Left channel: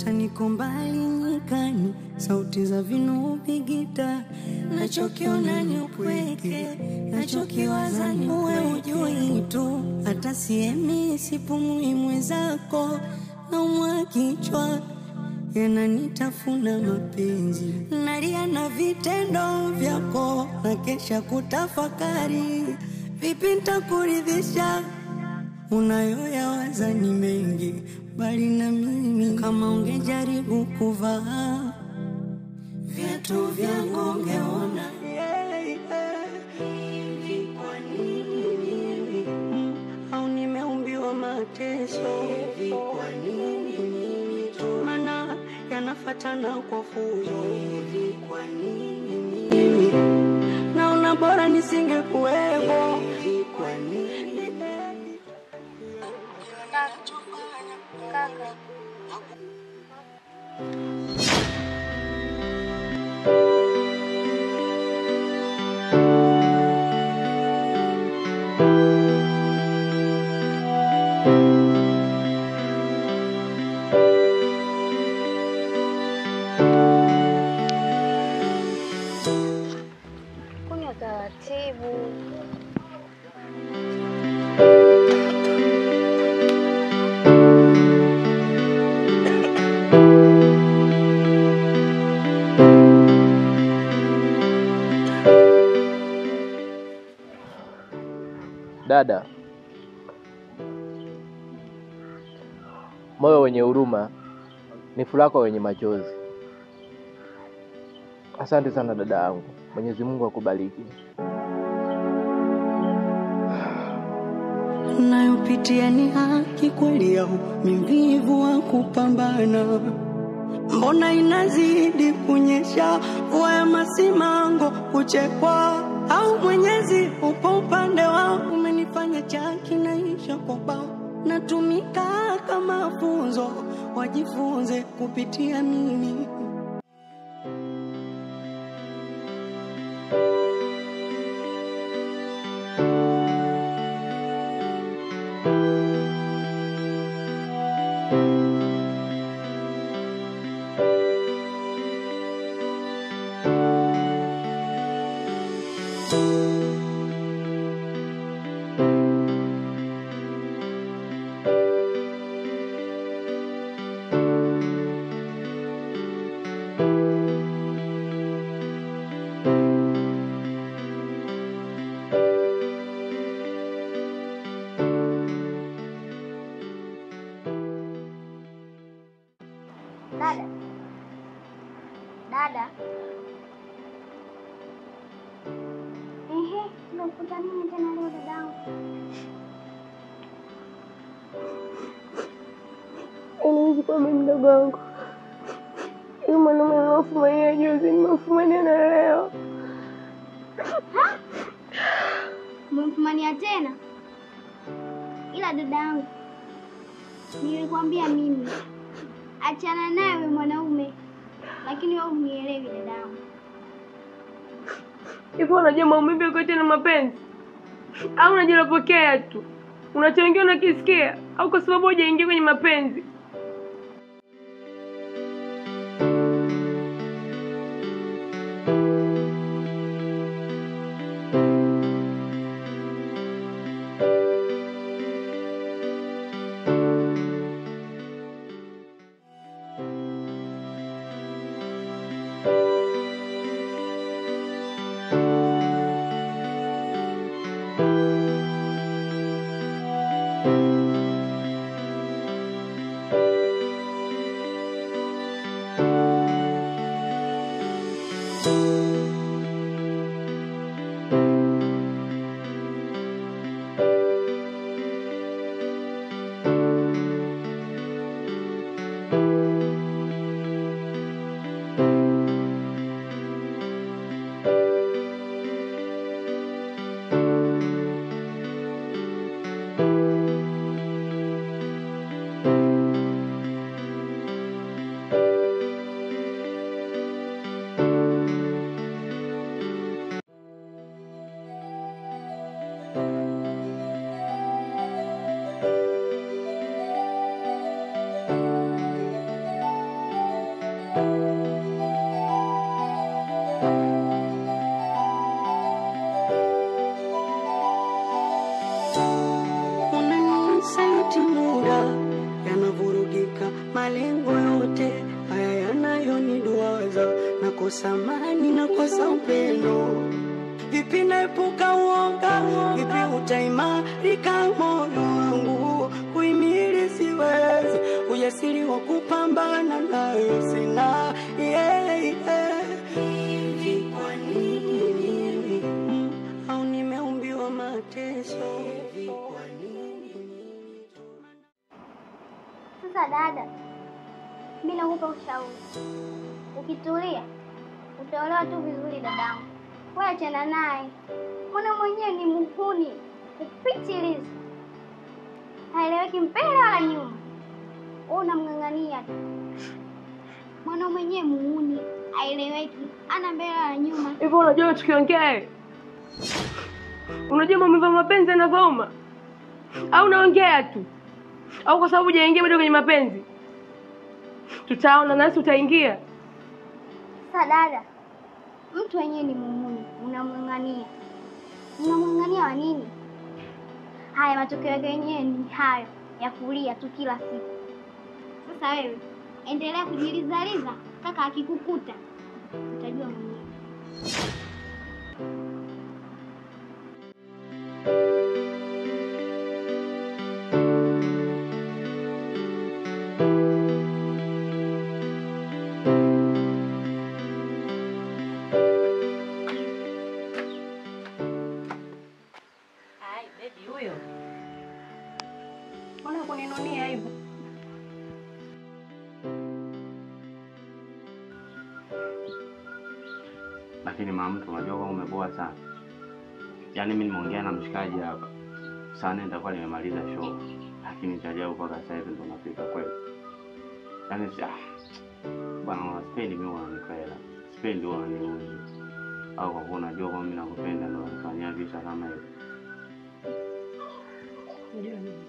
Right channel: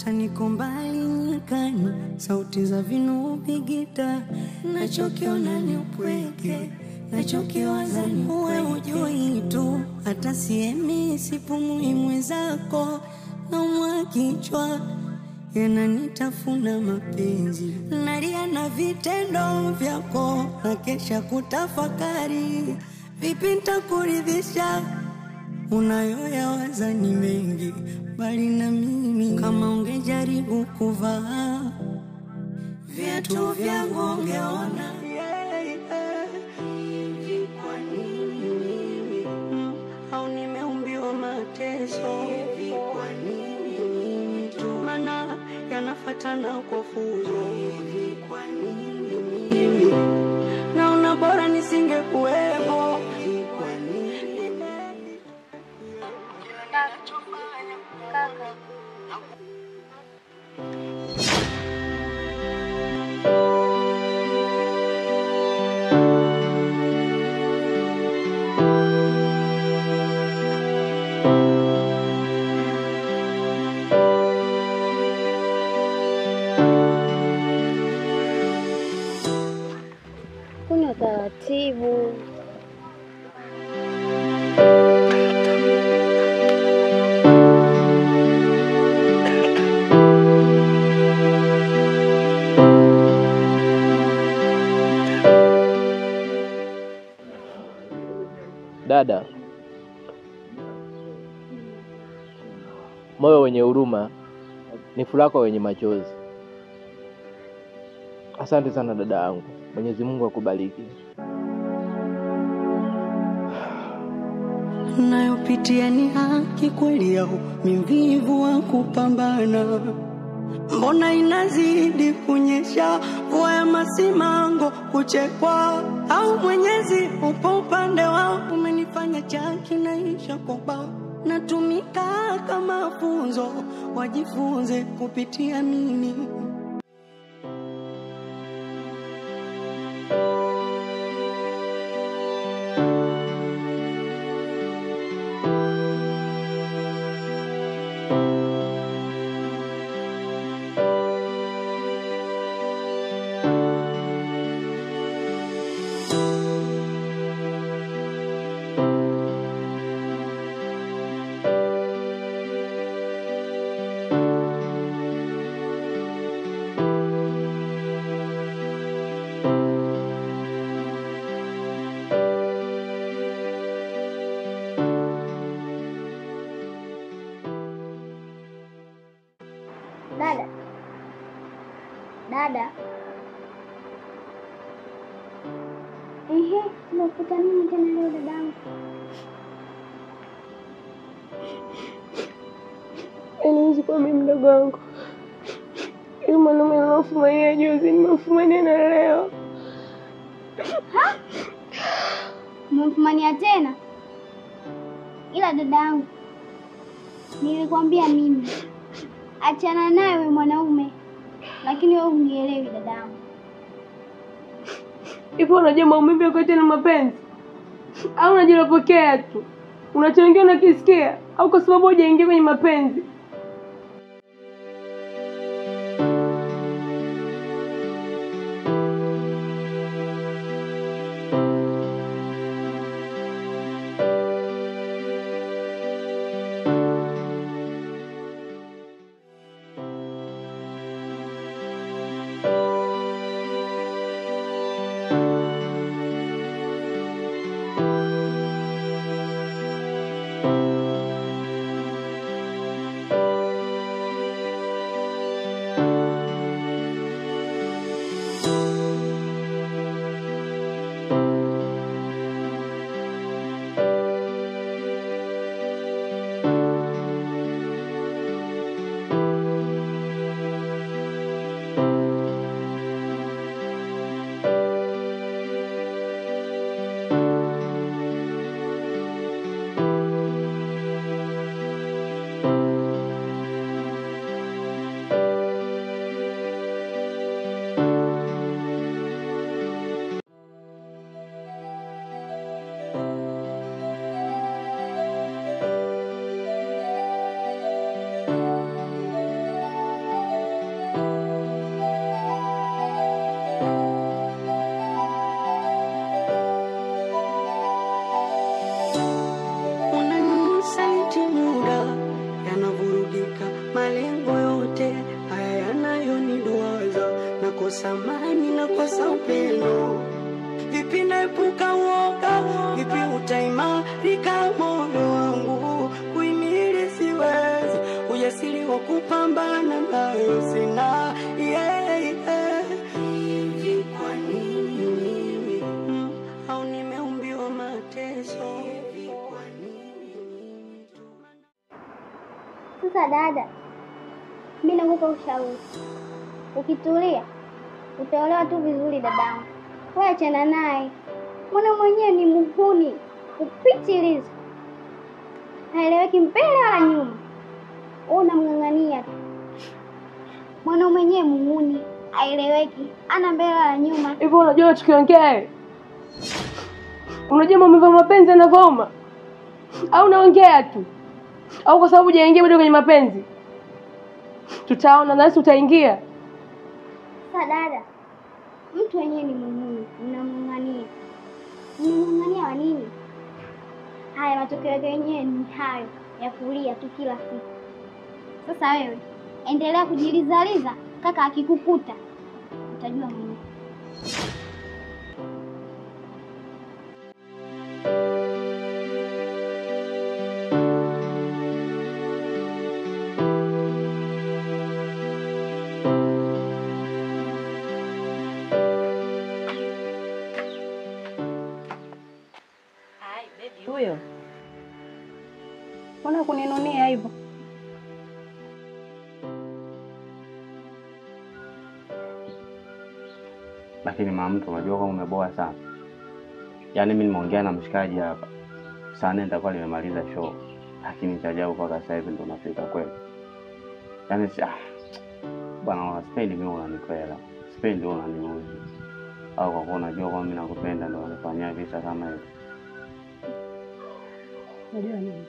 hata niko mbali nyikani, sauti za vinubi gita, nachokiona ni upweke, nachokiwaza ni wewe. Ujui tu hata siemi sipumui mwenzako, naumwa kichwa yananitafuna mapenzi, nalia na vitendo vyako, na kesha kutafakari vipi nitakuridhisha. Unayoyawaza ni mengi, bali na mimi kama ungejaribu kuvaa viatu vyangu ungeona. Hivi kwa nini mimi au nimeumbiwa mateso? Hivi kwa nini mimi tu, maana yanafatana kwa fuzo? Hivi kwa nini mimi naona bora nisingekuwepo? Hivi kwa nini Kaka. Kunywa taratibu. Dada, moyo wenye huruma ni furaha wenye machozi. Asante sana dada yangu. Mwenyezi Mungu akubariki. Nayopitia ni haki kweli au mvivu wa kupambana? Mbona inazidi kunyesha mvua ya masimango kuchekwa? Au Mwenyezi upo upande wangu, umenifanya chaki naisha kwa bao, natumika kama funzo, wajifunze kupitia mimi. Dada. Unakuta nini tena leo dadangu? Enizi kwa mimi mdogo wangu. Ile mwanaume alofumania juzi nimefumania na leo. Mfumania tena? Ila dadangu, nilikwambia mimi achana naye wewe mwanaume. Lakini wewe unielewi dadangu. Ipo unajua maumivu yako tena mapenzi? Au unajilopokea tu? Unachoingia unakisikia au kwa sababu hujaingia kwenye mapenzi? saliti muda, yanavurugika malengo yote haya yanayoniduaza, nakosa amani, nakosa upendo. Vipi naepuka uoga, vipi utaimarika moyo wangu, kuhimili siwezi, ujasiri wa kupambana nayo sina. Hivi kwa nini au nimeumbiwa mateso? Hivi kwa nini? Sasa dada, mimi nakupa ushauri. Ukitulia utaolewa tu vizuri dadangu. Wewe achana naye. Mwana mwenyewe ni muhuni kupitiliza, haeleweki mbele wala nyuma. Wewe unamng'ang'ania tu. Mwana mwenyewe muhuni, haeleweki, ana mbele wala nyuma. Hivyo unajua tukiongea, unajua maumivu ya mapenzi yanavyouma? Au unaongea tu? Au kwa sababu hujaingia bado kwenye mapenzi? Tutaona nasi utaingia. Sasa dada, mtu wenyewe ni muhuni, unamng'ang'ania. Unamng'ang'ania wa nini? Haya, matokeo yake yenyewe ni hayo ya kulia tu kila siku. Sasa wewe endelea kujilizaliza, kaka akikukuta utajua mwenyewe. Huyo mbona kuninunia hivyo? Lakini mama mtu, unajua kama umeboa sana. Yaani mimi nimeongea na mshikaji hapa. Sana nitakuwa nimemaliza show. Lakini nitajao kwa sasa hivi ndo nafika kweli. Yaani bwana, sipendi mimi unanikwela. Sipendi unaniuzi. Au kwa kuwa unajua kama mimi nakupenda ndo unifanyia visa kama hivyo. Unajua nini?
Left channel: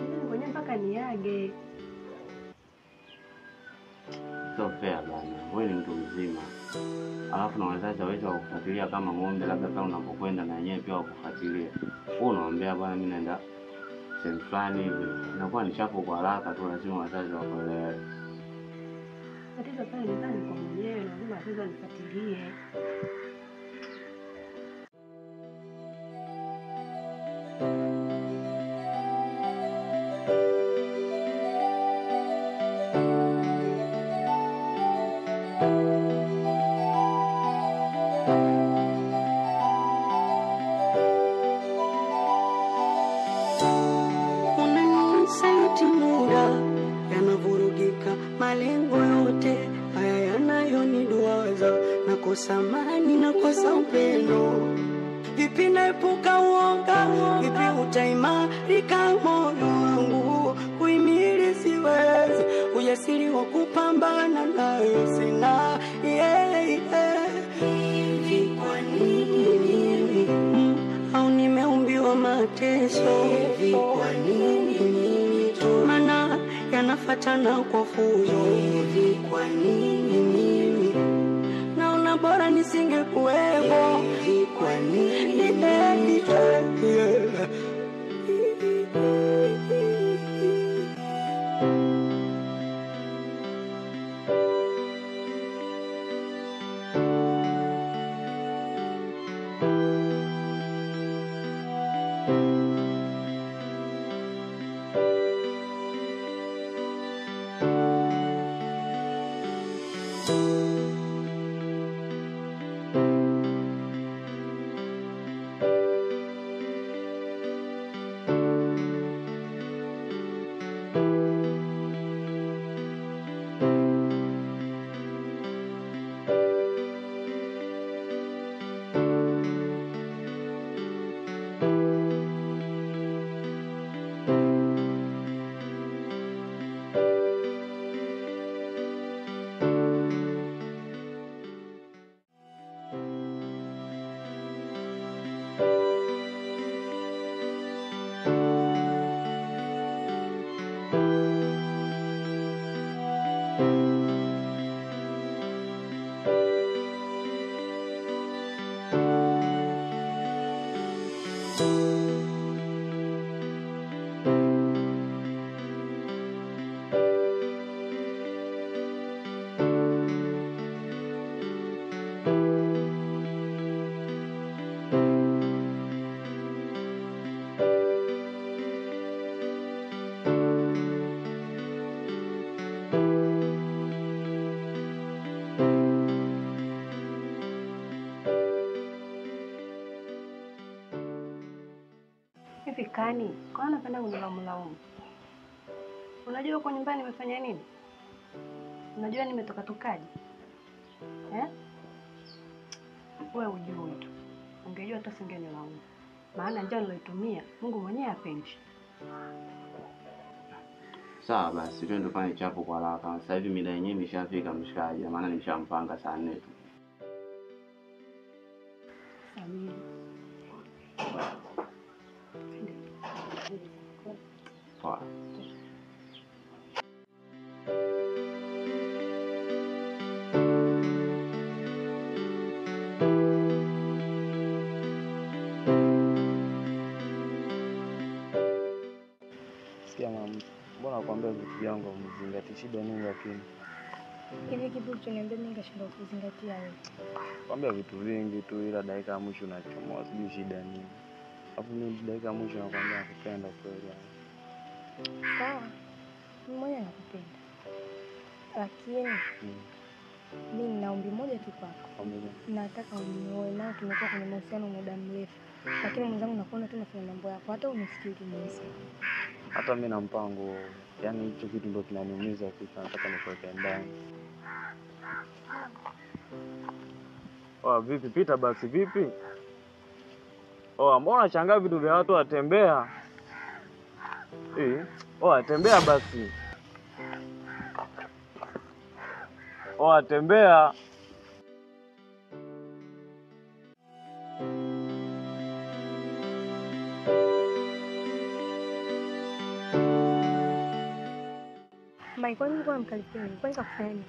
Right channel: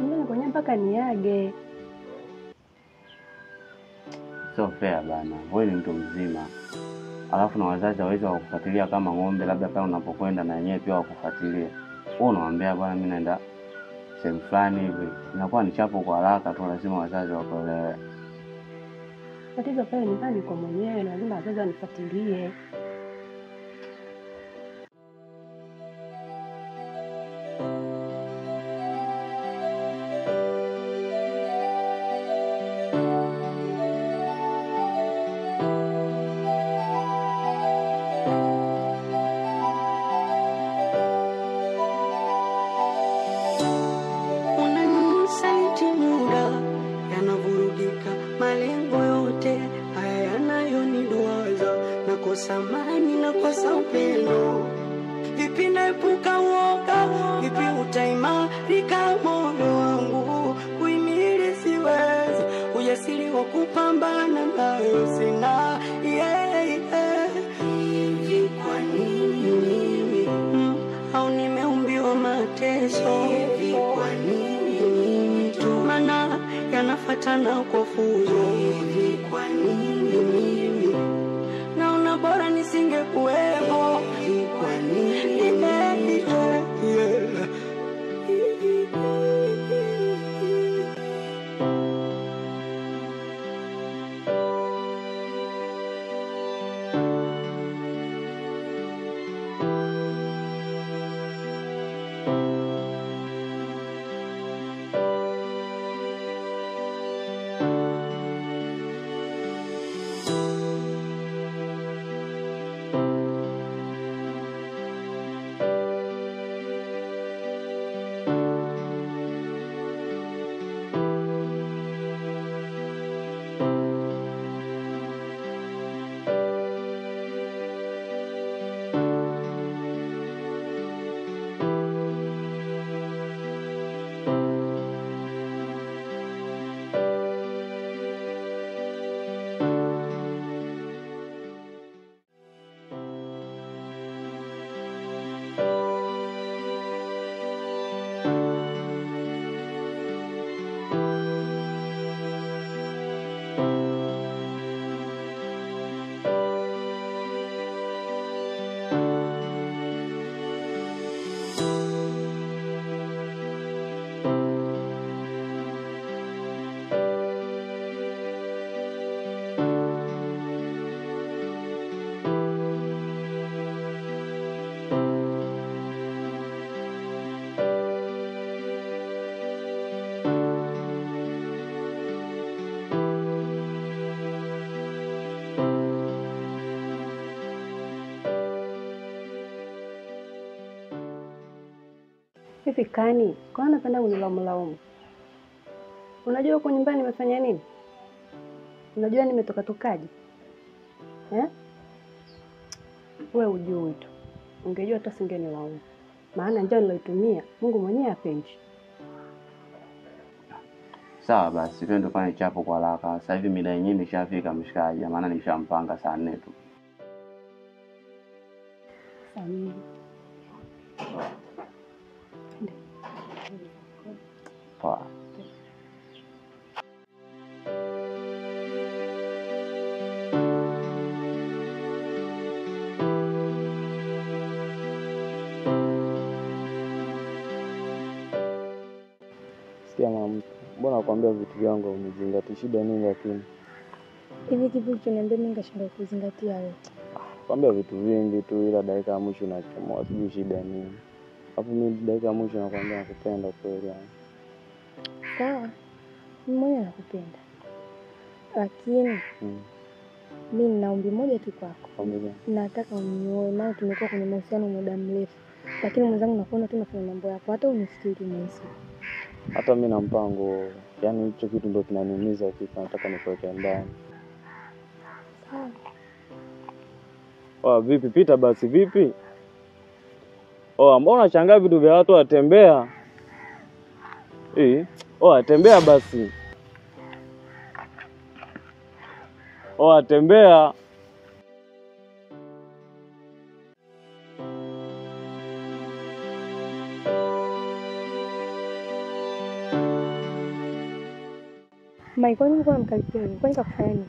Ndio ngoja mpaka niage. Sio fair bana. Wewe ni mtu mzima. Alafu na wazazi waweza kukufuatilia kama ng'ombe, labda kama unapokwenda na yenyewe pia wakufuatilie. Wewe unawaambia bwana mimi naenda sehemu fulani hivi. Inakuwa ni chapo kwa haraka tu, lazima wazazi wakuelewe. Tatizo pale ni ndani kwa mwenyewe, lazima wazazi wanifuatilie. Saliti muda, yanavurugika malengo yote haya yanayoniduaza, nakosa amani, nakosa upendo. Vipi naepuka uoga, vipi utaimarika moyo wangu, kuhimili siwezi, ujasiri wa kupambana nayo sina. Hivi kwa nini au nimeumbiwa mateso? Hivi kwa nini tu mana yanafatana kwa fujo? Hivi kwa nini mimi naona bora nisingekuwepo? Hivi kwa nini? Hivi Kani, kwa nini unapenda kunilaumu? Unajua huko nyumbani nimefanya nini? Unajua nimetoka tokaje? Wewe ujue tu. Ungejua hata singenilaumu. Maana njia niloitumia Mungu mwenyewe hapendi. Sawa basi, twende kwa chapo kwa haraka. Sasa hivi mida yenyewe imeshafika mshikaji, maana nishampanga saa 4 tu. Samii. Poa. Sikia mama, mbona nakwambia vitu vyangu umezingati, shida nini lakini? Hivi kipi ulichoniambia mimi nikashindwa kuzingatia wewe? Kwambia vitu vingi tu ila dakika ya mwisho unachomoa, sijui shida nini. Hapo mimi dakika ya mwisho nakwambia nakupenda kweli yani. Sawa. Mimi mwenyewe nakupenda. Lakini mimi nina ombi moja tu kwako. Ombi gani? Nataka unioe, maana tumekuwa kwenye mahusiano muda mrefu. Lakini mwenzangu nakuona tu unafanya mambo yako, hata unifikiri mwenzi. Hata mimi na mpango, yani hicho kitu ndio kinaniumiza kitu, nataka nikuweke ndani. Vipi pita basi vipi? Mbona unashangaa vitu vya watu watembea? Tembea basi. Tembea. Mai, kwani uko mkalipia nini? Kwani kakufanya nini?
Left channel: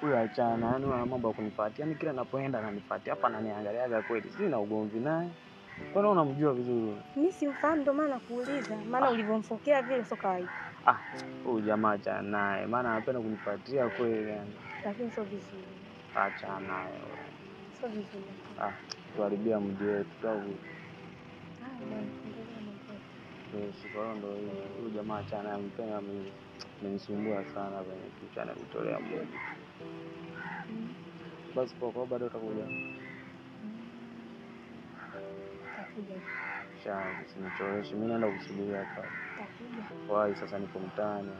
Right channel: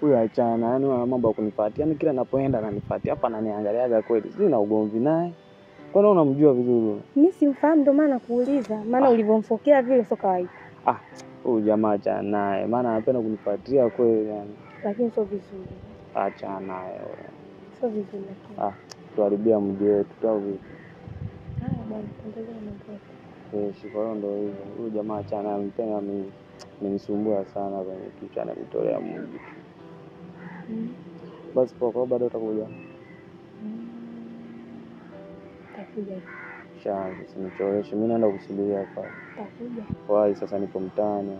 Huyu achana, yani ana mambo ya kunifuatia. Yani kila ninapoenda ananifuatia. Hapa ananiangaliaga kweli. Sina ugomvi naye. Kwani unamjua vizuri? Mimi simfahamu ndio maana nakuuliza. Maana ulivyomfokea vile sio kawaida. Huyu jamaa achana naye. Maana anapenda kunifuatia kweli yani. Lakini sio vizuri. Achana naye. Sio vizuri. Tuharibia mji wetu au vipi? Bwana, endelea na mambo. Shikoro ndo hivyo. Huyu jamaa achana naye, mpenda mimi. Amenisumbua sana kwenye kichwa, ananitolea Mungu. Basi kwa bado utakuja. Takuja. Usinichoreshe, mimi naenda kusubiria hapa. Takuja. Wai sasa nipo mtaani.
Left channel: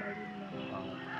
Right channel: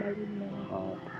Baridi na.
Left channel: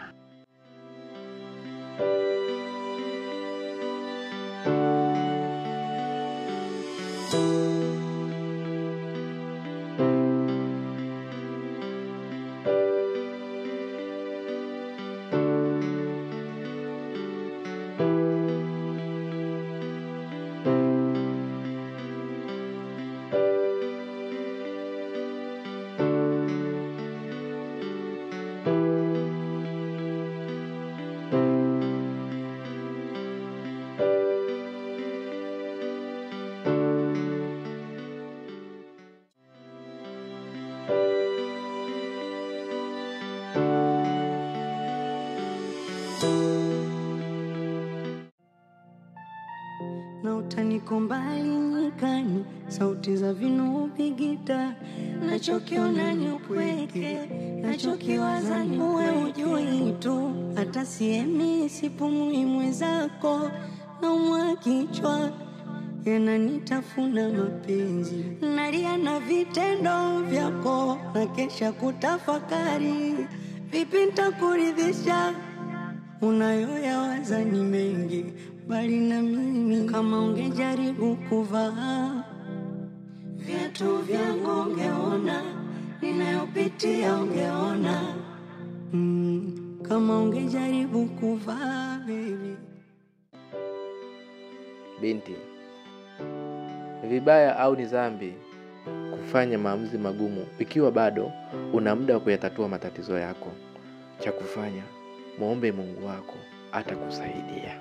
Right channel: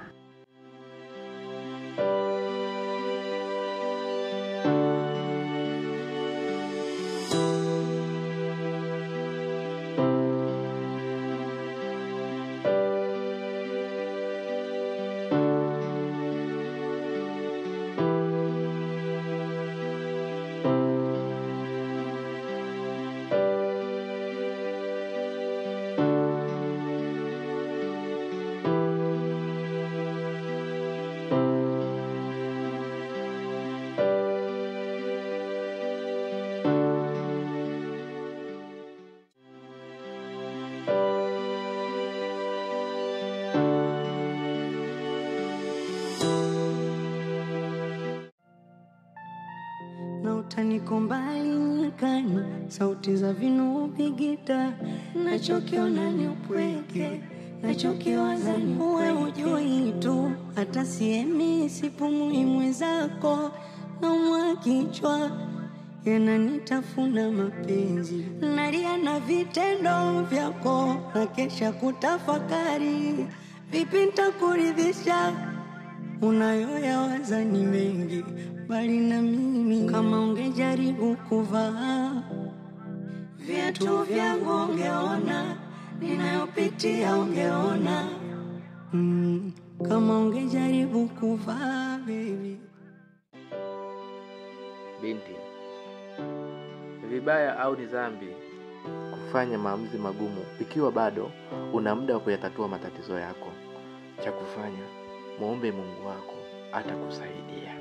Na utaniko mbali nyikani, sauti za vinubi gita, nachokiona ni upweke, nachokiwaza ni wewe ujui tu, hata siemi sipumui mwenzako, naumwa kichwa, yananitafuna mapenzi, nalia na vitendo vyako, nakesha kutafakari, vipi nitakuridhisha, unayoyawaza ni mengi, bali na mimi kama ungejaribu kuvaa viatu vyangu ungeona, ninayopitia ungeona, kama ungejaribu kuvaa baby. Binti, vibaya au ni dhambi kufanya maamuzi magumu ikiwa bado una muda wa kuyatatua matatizo yako? Cha kufanya, muombe Mungu wako, atakusaidia.